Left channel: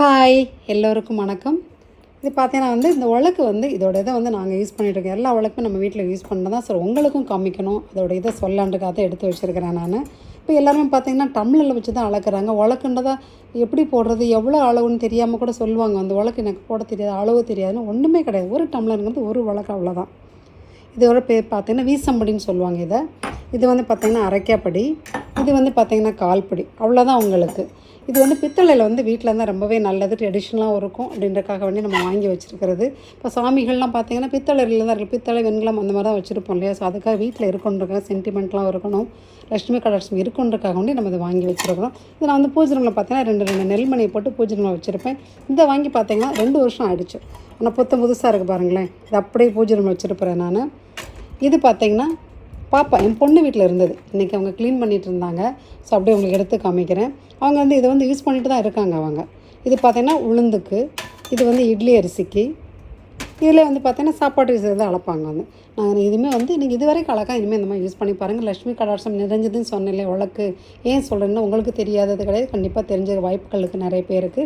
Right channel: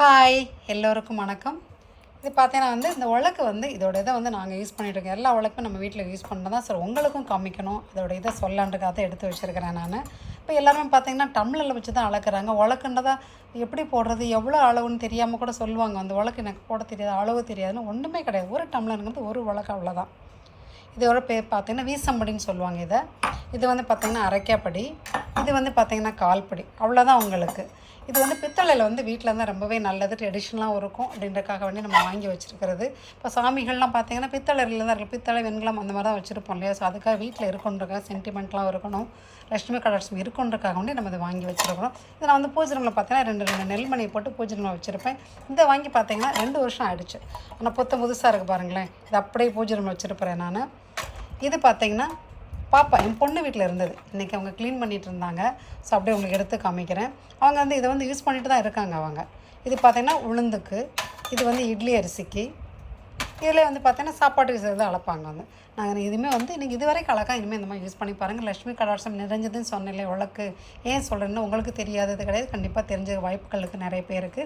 Hi எல்லோருக்கும் வணக்கம். இது பார்த்தீங்கன்னா வந்து இந்த உலக்கு வந்து இதோட இதை வந்து நாங்கள் யூஸ் பண்ணிட்டு இருக்கோம். எல்லா உலக்குமே நம்ம வீட்டில் யூஸ் பண்ணதான் தான். சார் உங்களுக்கும் காமிக்கணும். அதோட இதை சொல்லாண்டுக்காக தான் எடுத்து வச்சுருக்கிறேன் நான். இப்போ எல்லாருமே பார்த்தீங்கன்னா டம்ளரில் வச்சு தான் அளக்குறாங்க. உலக்குன்றதா எப்படி போடுறது? எவ்வளோ அளவுன்னு தெரியாமல் கூட சொல்லுவாங்க. அந்த உலக்கு எனக்கு போட தெரியாது அளவு தெரியாதுன்னு ஒன்றுமே கிடையாது. ஒரு டம்ளருங்கிறது ஒரு உலக்கு அவ்வளோதான் இதோட பேர் பார்த்தீங்கன்னா வீசம்படின்னு சொல்லுவாங்க இதை. இது வந்து பார்த்தீங்கன்னா அரைக்காப்படி. இது வந்து பார்த்திங்கன்னா கால்படி. அவ்வளோதான் உங்களுக்கு. இது வந்து பித்தளையில் வந்து வீட்டில் இருந்தால் ரொம்பவே நல்லது. ட்ரெடிஷ்னலாகவும் இருக்கும். அப்படின்றக்காக வேண்டி நம்ம வாங்கி வச்சுருக்கிறது. இப்போ சாமிகள்லாம் பார்த்தீங்கன்னா பித்தளையில் தான் இருக்குது பித்தளை வெண்கலம் அந்த மாதிரி தான் வச்சுருப்போம் இல்லையா? ஸோ அதுக்காக வீட்டில் இருக்கணுன்றக்காக சென்டிமெண்ட்லாம் இருக்கணும். லட்சுமி கடாட்சம் இருக்குன்றக்காக வேண்டி நம்ம இதை வாங்கி வச்சுருக்கிறோம். இதை நான் வந்து பூஜனங்களை பார்த்தீங்கன்னா ரெண்டு ரெண்டு நெல்மணியை போட்டு பூஜனங்களை வச்சுருப்பேன். இதை வாங்கி பார்த்தீங்கன்னா ரெண்டு வருஷம் ஆகிடுச்சு ஆனால் புத்த புதுசாக இருக்குது பாருங்களேன். இது அப்படியே பூஜை வச்சுருப்பேன் நான். இது பார்த்தீங்கன்னா பாப்பா என் பொண்ணு வீட்டில் இருந்தது. இன்றைக்கி அவங்க க்ளீன் பண்ணிகிட்டு இருந்தாங்க. ஸோ அப்படியே உங்களுக்கு எடுத்து காமிக்கிறேன். அவங்க வந்து இதை வந்து யூஸ் பண்ணிட்டு தான் இருக்காங்க அவங்க. இது பார்த்தீங்கன்னா உளுந்துக்கு இது வந்து இட்லி அரிசிக்கு இதில் வந்து பார்த்தீங்கன்னா சாப்பாட்டு விஷயம் தான் அளப்பாங்க வந்து நாங்கள் இதுவுமே வந்து இன்றைக்கி இது வரைக்கும் அழகாக இனிமேல் இந்த மாதிரி யூஸ் பண்ணி பாருங்கள் லட்சுமி கடாட்சம் நிறைஞ்சதுன்னு சொன்னேன் உலக்கு. ஏன் சொல்கிறேன்னா உங்களுக்கு தெரியாதது கிடையாது. கண்டிப்பாக தெரிஞ்ச வாய்ப்புகளுக்கு நிறைய பேருக்கு.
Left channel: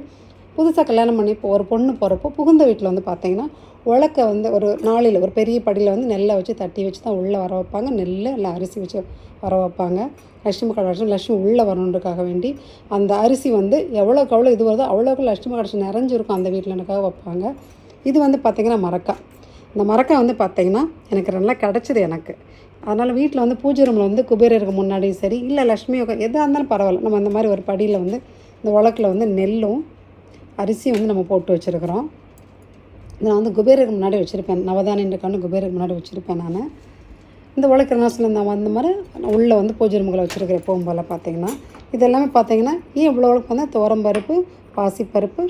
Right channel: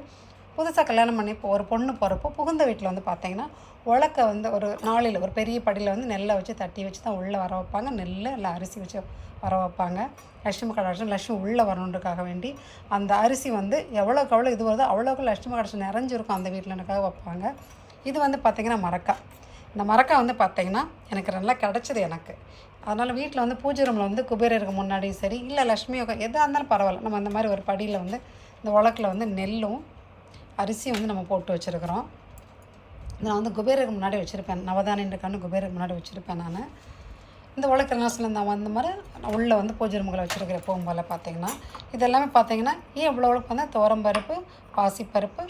புதுசாக கல்யாணம் பண்ணி இப்போ ஒரு பொண்ணு போகிறப்போ புகுந்த வீட்டில் வந்து பார்த்தீங்கன்னா உலக்க வந்து ஒரு நாளில் ஒரு பெரிய படியில் வந்து நெல்லை வச்சு தட்டி வச்சு தான் உள்ளே வர வைப்பாங்க. நெல் இல்லை அரிசி வச்சு வர வைப்பாங்க. லட்சுமி கடாட்சம் லட்சுமி உள்ளே வரணுன்றக்காக வேண்டி அந்த அரிசி வந்து எவ்வளோக்கு எவ்வளோ இது வருதோ அவ்வளோக்கு லட்சுமி கடாட்சம் நிறைஞ்சிருக்கும் அந்த வீட்டில்னுக்காக வைப்பாங்க. இது வந்து பார்த்திங்கன்னா மரக்கா இந்த மரக்கா வந்து பார்த்திங்கன்னா எனக்கு நல்லா கிடச்சிது எனக்கு. அதனால் வீட்டில் வந்து பூஜை ரூமில் வந்து குபேரருக்கு முன்னாடியும் சரி இல்லை லக்ஷ்மி எதாக இருந்தாலும் பரவாயில்ல. நம்ம அந்த மாதிரி ஒரு படியில் வந்து இந்த உலக்கில் வந்து நெல்லும் அரிசி வந்து நம்ம போட்டு வச்சுருக்குறோம். நான் வந்து குபேரருக்கு முன்னாடி வச்சுருப்பேன். நவதானியக்கான குபேரருக்கு முன்னாடி வச்சுருப்பேன் நான். இந்த உழைக்கிற நாசில் நான் வந்த மாதிரி உள்ளே வந்து பூஜை ரூம்களை வச்சுருக்கிற போகும்போல பார்த்திங்கன்னா பார்த்தீங்கன்னா பார்த்திங்கன்னா பார்த்தீங்கன்னா ஏன் இவ்வளோ உழைப்பு வந்து துவரம்பருப்பு பாசிப்பருப்பு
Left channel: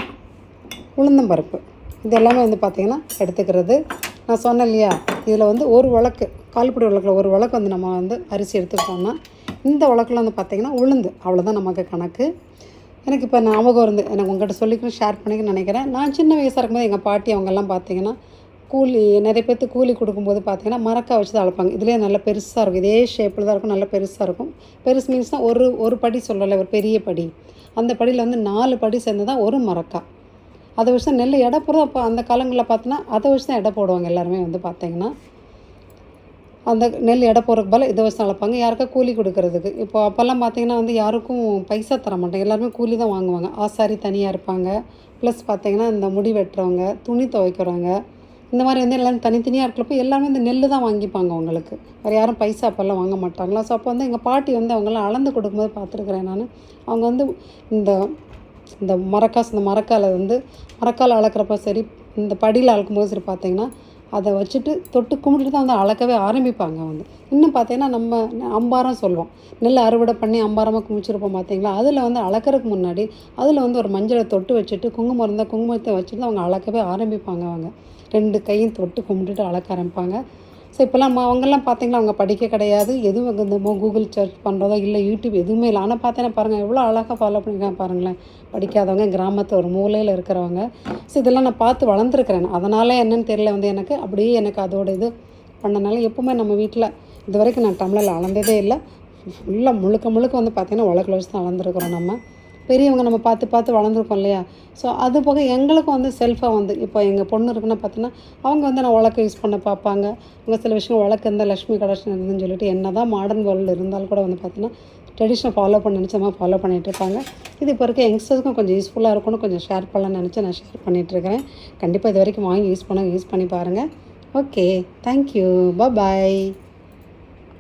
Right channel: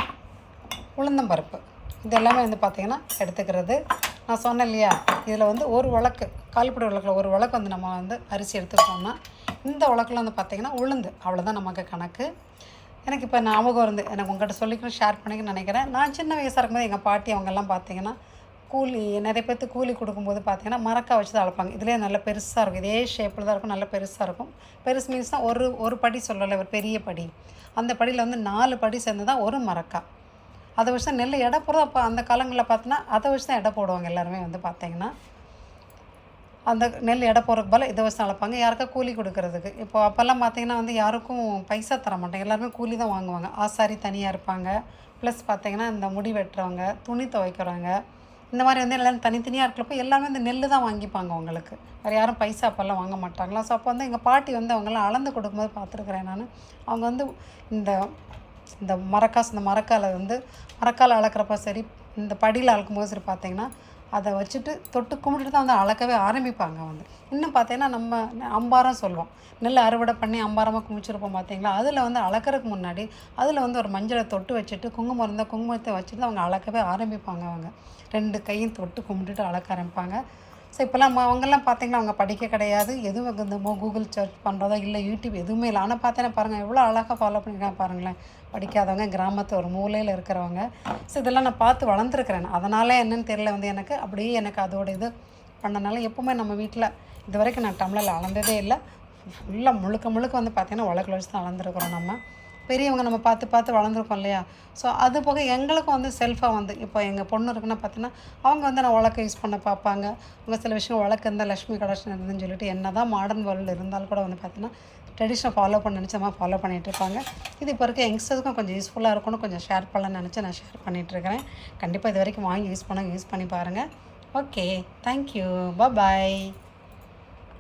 உளுந்தம்பருப்பு பருப்பு இதெல்லாமே வந்து பார்த்திங்கன்னா எடுத்துக்கிறது. நான் சொன்னேன் இல்லையா இதில் வந்து ஒரு உலக்கு கால்புடி உலக்கில் ஒரு உலக்கு வந்து நம்ம வந்து அரிசி எடுத்துக்கிட்டோம்னா இந்த உலக்கில் வந்து பார்த்திங்கன்னா உளுந்து அவ்வளோதான் நமக்கு கணக்கு. எனக்கு இப்போ ஞாபகம் இருந்து எனக்கு உங்கள்கிட்ட சொல்லிக்கணும் ஷேர் பண்ணிக்க நினைக்கிறேன். நான் சின்ன வயசாக இருக்கும்போது எங்கள் பாட்டி அவங்கெல்லாம் பார்த்தீங்கன்னா கூலி நிறைய பேர்த்து கூலி கொடுக்கும்போது பார்த்தீங்கன்னா மரக்காய் வச்சு தான் அழைப்பாங்க. இதுலேயே நல்ல பெருசாக இருக்கும். இதே ஷேப்பில் தான் இருக்கும். நல்ல பெருசாக இருக்கும். பெருசு மீன்ஸ்னால் ஒரு ஒரு படி சொல்லலை ஒரு பெரிய படி. அந்த படியில் வந்து நாலு படி சேர்ந்து தான் ஒரு மரக்காய். அதை வச்சு தான் நெல் எடை போடுறது அப்போ அந்த காலங்களில் பார்த்தோன்னா அதை வச்சு தான் எடை போடுவாங்க எல்லாருமே வந்து பார்த்தீங்கன்னா அந்த நெல் எடை போகிறதுக்கு போல் இதை வச்சு அளப்பாங்க யாருக்கா கூலி கொடுக்கறதுக்கு. இப்போ அப்போல்லாம் பார்த்தீங்கன்னா வந்து யாருக்கும் பைசா தர மாட்டாங்க. எல்லாருமே கூலி தான் வாங்குவாங்க. ஆசாரி தனியாக இருப்பாங்க. ப்ளஸ் பார்த்தீங்கன்னா இந்த முடி வெட்டுறவங்க துணி துவைக்கிறவங்க இந்த மாதிரி வந்து எல்லாம் தனித்தனியாக இருக்கிறப்போ எல்லாமே இந்த நெல் தான் வாங்கிப்பாங்க அவங்களுக்கு. வேறு யாரும் பைசா அப்போல்லாம் வாங்க மாட்டாங்களா? ஸோ அப்போ வந்து எங்கள் பாட்டி வந்து அவங்களாம் அளந்து கொடுக்கும்போது பார்த்துருக்குறேன் நான். அவங்க வந்து இந்த இந்த மரக்காசு இந்த மரக்காலை வந்து மரக்கால் அளக்கிறப்ப சரி இந்த படியில் அளக்கும்போது சரி பார்த்தீங்கன்னா அதை வச்சுட்டு தொட்டு கும்பிட்டுட்டு தான் வந்து அளக்கவே ஆரம்பிப்பாங்க வந்து இன்னும் பார்த்தீங்கன்னா நம்ம அம்பாரம் சொல்லுவோம். நெல் அறுவடை பண்ணி அம்பாரமாக குமிச்சிருப்போம் பார்த்தீங்களா? அதில் வந்து அளக்கிறதுக்கு முன்னாடி அதில் வந்து ஒரு மஞ்சளை தொட்டு வச்சுட்டு குங்குமம் இருந்தால் குங்குமத்தை வச்சுட்டு அவங்க அளக்கவே ஆரம்பிப்பாங்க அவங்க. ரெண்டு கையும் தொட்டு கும்பிட்டுட்டு அளக்க ஆரம்பிப்பாங்க. ஸோ இப்போல்லாம் அவங்கெல்லாம் பார்த்தீங்களா அவங்க படிக்க கிடையாது. எதுவும் இந்த கூகுள் சர்ச் பண்ணுறதோ இல்லை யூடியூப் எதுவுமே இல்லை. ஆனால் பார்த்தீங்கன்னா பாருங்கள் எவ்வளோ அழகாக ஃபாலோ பண்ணிருக்காங்க பாருங்களேன். படிக்காதவங்க கிராமத்து ஒரு மூலையில் இருக்கிறவங்க. ஸோ இதெல்லாம் நான் பார்த்து வளர்ந்துருக்குறேன். அதனால் என்னன்னு தெரியல வந்து எனக்கு. அப்படியே எனக்கு அதோட இது பண்ணனால எப்போவுமே நம்ம வீட்டில் இது வரைக்கும் நான் டம்ளரில் அளந்ததே இல்லை. ஃபுல்லாக முழுக்க முழுக்க வந்து பார்த்திங்கன்னா உலக வச்சு தான் வளர்ந்துருக்குறோம் நம்ம. பெரியவங்க நம்ம பார்த்து பார்த்து வளர்ந்துருக்கோம் இல்லையா? ஸோ அது போக எங்களுக்கும் வந்து செல்ஃபாக வந்து இப்போ எங்கள் பொண்ணு இருக்குன்னா பார்த்தீங்கன்னா அவங்க வந்து நான் உலக்க யூஸ் பண்ண பார்ப்பாங்க. அவங்க சில விஷயம் உலக்கு இருந்தால் லக்ஷ்மி கடாஷன் இருந்துன்னு சொல்லிட்டு என்ன தான் மாடர்ன் வேர்ல்டு இருந்தாலும் கூட வந்து பார்த்தீங்கன்னா ட்ரெடிஷனை ஃபாலோ பண்ண நினச்ச மாதிரி ஃபாலோ பண்ணிகிட்ருப்பாங்க இது இப்போ இருக்க யங்ஸ்டர்ஸ்க்கும் கொஞ்சம் யூஸ்ஃபுல்லாக இருக்கணும் கொஞ்சம் ஷேர் பண்ணலாம்னு நினச்சி நான் ஷேர் பண்ணிகிட்ருக்கிறேன் கண்டிப்பாக இது வரைக்கும் வாங்கி யூஸ் பண்ண யூஸ் பண்ணி பாருங்கள் ஓகே தேங்க்யூ பாய்